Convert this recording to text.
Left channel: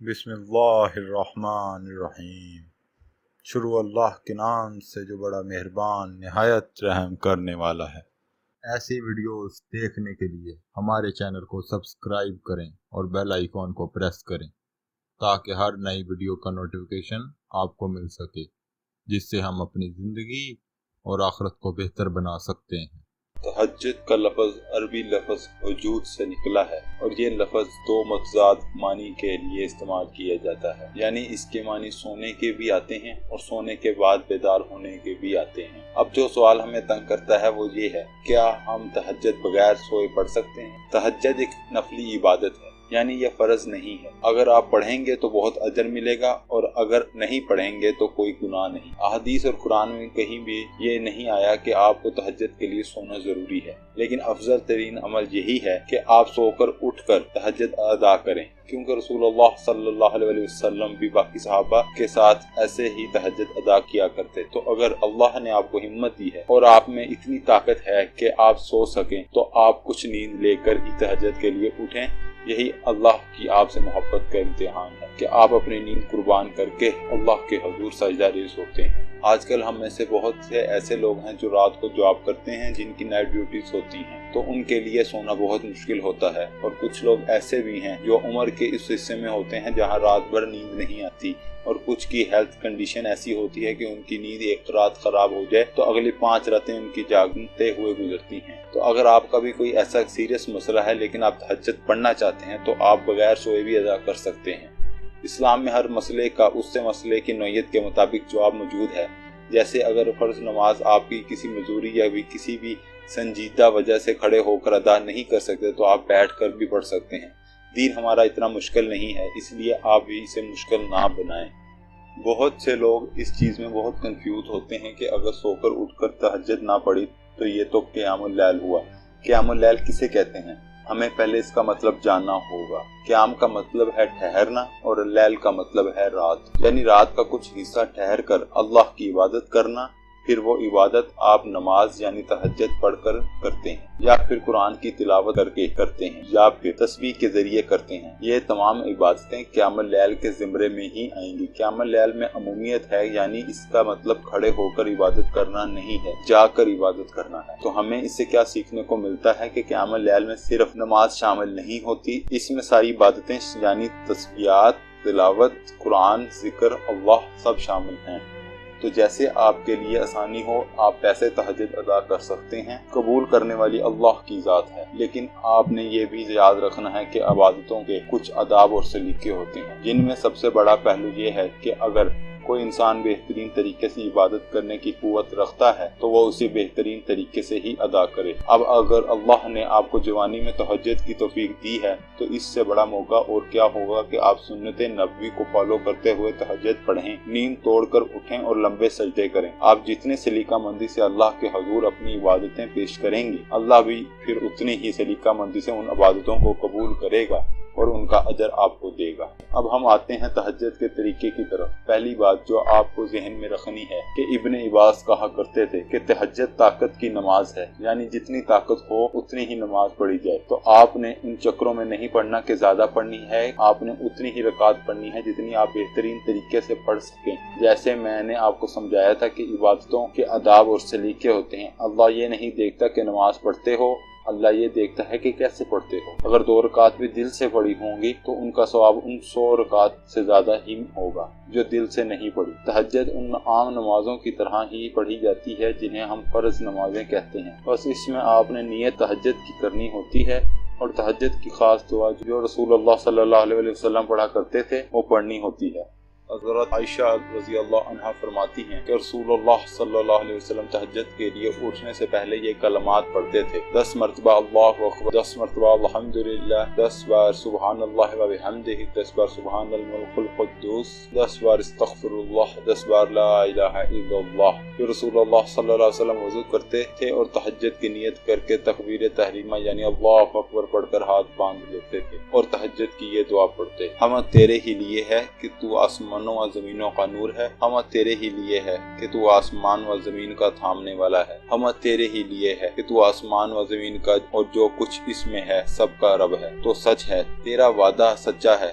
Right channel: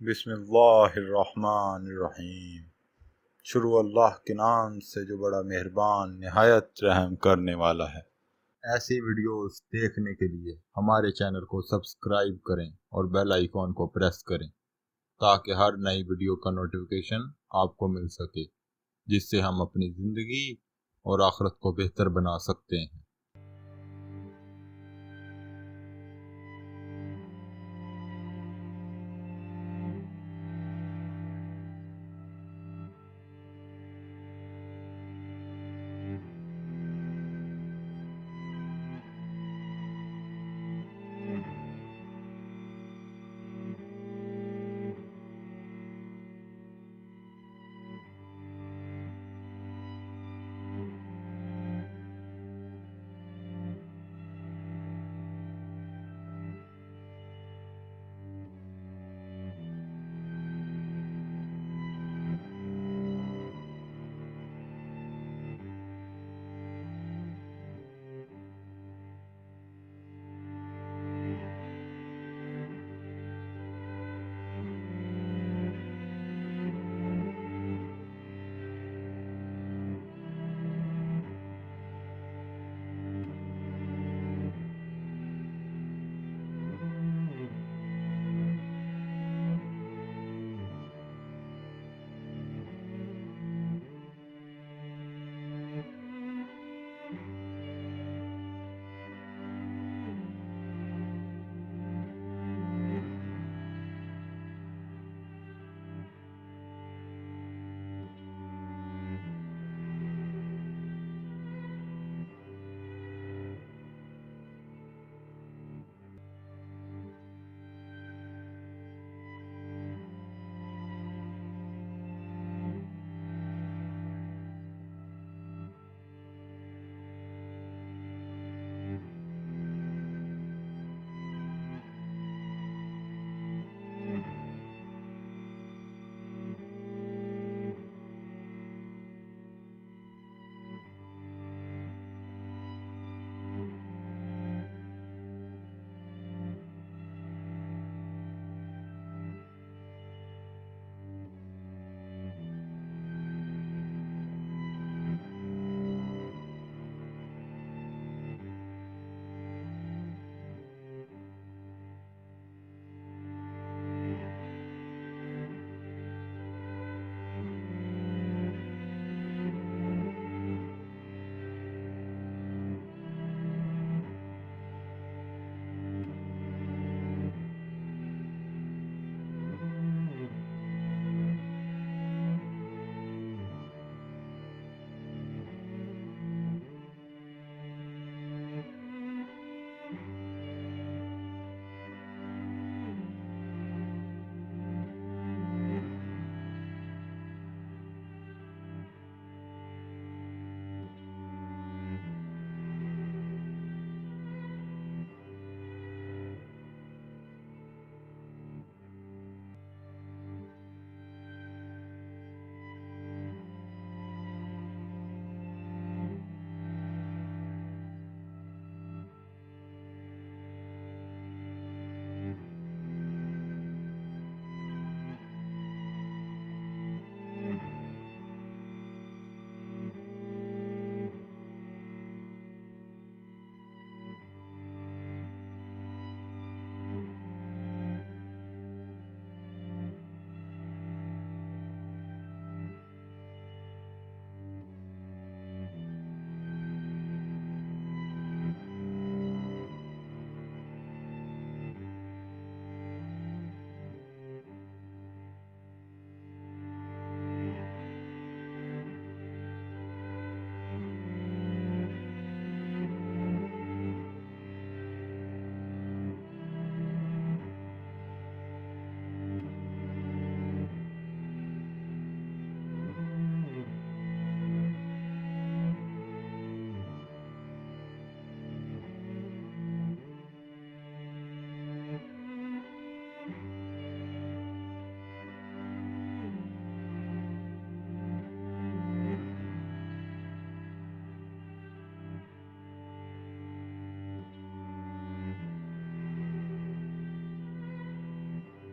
بسم اللہ الرحمن الرحیم۔ شروع اللہ کے نام سے جو بڑا مہربان نہایت رحم کرنے والا ہے۔ ایسی ویڈیوز دیکھنے کے لیے ہمارے چینل کو سبسکرائب کریں اور بیل آئیکن کو پریس کریں تاکہ ہر نئی ویڈیو کا نوٹیفیکیشن آپ کو مل سکے، جس سے ہم اپنی زندگی اور آخرت کو بہتر بنا سکتے ہیں۔ تہجد کا لفظ عربی لفظ وجود سے نکلا ہے اور یہ لفظ دو متضاد معنی کے لیے استعمال کیا جاتا ہے، یعنی اس کے معنی سونے کے بھی آتے ہیں اور سونے کے بعد بیدار ہونے کے بھی آتے ہیں۔ اب جو سوال ہمیں تنگ کرتا ہے وہ یہ ہے، کیا ہم تہجد بغیر سوئے پڑھ سکتے ہیں؟ تہجد ایک نفلی عبادت ہے، یعنی یہ فرض نہیں ہے۔ اگر آپ پڑھیں گے تو بہت اجر ملے گا اور اگر نہیں پڑھیں گے تو کوئی گناہ نہیں۔ احادیث اور قرآن میں کہیں بھی یہ نہیں آیا کہ آپ کو تہجد کے لیے سونا ضروری ہے، لیکن افضل ترین عمل یہی ہے کہ آپ سو کر اٹھ کر تہجد ادا کریں، کیونکہ رسول اللہ صلی اللہ علیہ وسلم بھی باقی صحابہ کے ساتھ ایسے ہی تہجد ادا کیا کرتے۔ تو اگر اللہ نے آپ کو ہمت دی ہے اور آپ میں اتنی طاقت ہے کہ آپ سو سکیں تو آپ کچھ نیند لے کر ہی تہجد کے لیے اٹھیں۔ یہی اللہ کی آپ سے محبت کا امتحان ہے کہ آپ اپنی نیند قربان کر کے اللہ کے حضور سجدہ ریز ہوتے ہیں۔ آج کل ہم میں سے بہت سے ایسے لوگ ہیں جو رات کو جاب کرتے ہیں، جن کی نائٹ ڈیوٹیز ہوتی ہیں، تو ان کے لیے سونا بہت مشکل ہوتا ہے، اور کچھ لوگ ایسے بھی ہیں جو عمر کے اس حصے میں ہوتے ہیں جہاں رات بھر نیند نہیں آتی، اور کچھ کی ہیلتھ کنڈیشن ایسی ہوتی ہے کہ ان کی نیند ایک رات خراب ہو جائے تو اگلی 5 راتیں ان کی جاگتے ہوئے گزرتی ہیں۔ تو اگر آپ کا بھی کوئی ایسا سیریس مسئلہ ہے لیکن آپ تہجد پڑھنا چاہتے ہیں تو آپ بغیر سوئے بھی ادا کر سکتے ہیں۔ اسلام میں ہر مسئلے کا اس سے مسئلے کی نوعیت کے مطابق جواب موجود ہے۔ جیسے اگر فرض نماز آپ کی کسی مجبوری یا بھی کسی بھی سنجیدہ وجہ سے کھڑے ہو کر ادا نہیں کر سکتے تو آپ بیٹھ کر بھی پڑھ سکتے ہیں۔ دین ہمارا اتنا مشکل نہیں ہے، اس لیے آپ بھی اسے مشکل نہ بنائیں۔ بہت سے لوگ اس چیز میں بہت کنفیوز ہوتے ہیں کہ اگر سو کر اٹھ کر تہجد نہ پڑھی تو یہ تو قیام اللیل ہوا۔ قیام اللیل کسے کہتے ہیں؟ ہمیں پہلے اس کا مطلب جاننا ہوگا۔ قیام کا مطلب ہے ٹھہرنا اور اللیل کا مطلب ہے رات، یعنی رات کا کچھ حصہ ٹھہر کر اللہ کی عبادت کرنا۔ پھر وہ عبادت آپ نماز یعنی تہجد پڑھ کر کرتے ہیں، یا پھر قرآن کی تلاوت کر کے کرتے ہیں، یا پھر تسبیح کے ذریعے کرتے ہیں۔ یہ تمام عبادتیں قیام اللیل کے زمرے میں ہی آئیں گی۔ قیام اللیل میں عمومیت ہے، یعنی اس کا مطلب کھڑے ہو کر عبادت کرنا نہیں ہے، جا کر عبادت کرنا ہے۔ تو ہمیں اس سے کیا سیکھنے کو ملتا ہے کہ قیام اللیل میں صرف نماز شامل نہیں ہوتی، اس میں ساری عبادتیں یعنی تسبیحات، تلاوت، قرآن، ذکر اللہ سب شامل ہیں۔ تو جیسے آپ کے لیے آسانی ہو آپ ایسے تہجد ادا کر سکتے ہیں۔ قبول کرنے والی اللہ کی ذات ہے، لیکن آپ نے یہ بھی یاد رکھنا ہے کہ عبادتوں کے کچھ آداب اور سلیقے ہوتے ہیں، جن میں سب سے بڑا پہلو یہ ہے کہ اگر کوئی انسان بہترین طریقے سے عبادت کرنے کی قوت رکھتا ہے تو وہ اسے بہترین طریقے سے ہی ادا کرے۔ اب اگر اللہ نے آپ کو جوانی میں تہجد کی توفیق دی ہے تو اس سے بڑا موقع اور کیا ہوگا کہ آپ سنت نبوی کو فالو کرتے ہوئے تہجد پڑھیں، نیند توڑ کر اٹھیں اور لمبے سجدے کریں۔ آپ جتنے سلیقہ مندی سے اللہ کے حضور اپنی عبادتیں پیش کریں گے، اللہ بھی پھر اتنی ہی سلیقہ مندی سے ان عبادتوں کو قبول کرے گا اور ان کا اجر آپ کو دے گا۔ اب ہم آتے ہیں تہجد کے طریقے کی طرف۔ پہلی بات جو آپ کو ذہن میں رکھنی ہے کہ ابن عباس کہا کرتے تھے کہ تہجد طاقت کی نماز ہے، یعنی جتنی طاقت ہو اتنی ہی نماز پڑھی جائے۔ تو آپ نے ان چکروں میں نہیں پڑھنا کہ زیادہ پڑھنی ہے، آپ نے اتنی ہی رکعات پڑھنی ہے جتنی آپ بہترین طریقے سے پڑھ سکیں۔ جیسے میں نے آپ کو سمجھایا تھا کہ عبادتوں کے آداب اور سلیقے ہوتے ہیں۔ اللہ یہ نہیں دیکھتا کہ نماز پڑھتے ہو، اللہ یہ دیکھتا ہے کہ کیسے پڑھتے ہو۔ اگر 2 رکعت بھی دل سے پڑھی ہوں گی تو ان کا ثواب ان 100 رکعت سے زیادہ ہی ہوگا جو دل سے نہیں پڑھی۔ تہجد ان عام نمازوں کی طرح ہی پڑھی جاتی ہے جنہیں ہم فرض نمازیں کہتے ہیں، بس اس میں آپ نے نیت تہجد کی کرنی ہوتی ہے، اور تہجد کی خاص دعا جو رسول اللہ صلی اللہ علیہ وسلم پڑھا کرتے تھے وہ پڑھنی ہوتی ہے۔ حضرت عائشہ رضی اللہ عنہا فرماتی ہیں کہ رسول اللہ صلی اللہ علیہ وسلم تہجد کے لیے اٹھنے سے پہلے یہ کلمات پڑھتے تھے: 10 مرتبہ اللہ اکبر، 10 مرتبہ الحمدللہ، 10 بار سبحان اللہ و بحمدہ، 10 بار سبحان الملک القدوس، 10 بار استغفر اللہ، 10 بار لا الہ الا اللہ۔ پھر رسول اللہ صلی اللہ علیہ وسلم وضو کرتے تھے اور تہجد کی نیت کر کے تکبیر تحریمہ یعنی اللہ اکبر پڑھ کر ہاتھ باندھ لیتے تھے اور تہجد کی یہ دعا پڑھتے: ہم تیرے ہی لیے ہے کہ تو آسمانوں و زمینوں کا نور ہے، ہم تیرے ہی لیے ہے کہ تو آسمان و زمین کا تھامنے والا ہے، ہم تیرے ہی لیے ہے کہ تو آسمان و زمین کا اور جو کچھ اس میں ہے سب کا رب ہے۔ تو سچ ہے تیرا وعدہ سچا ہے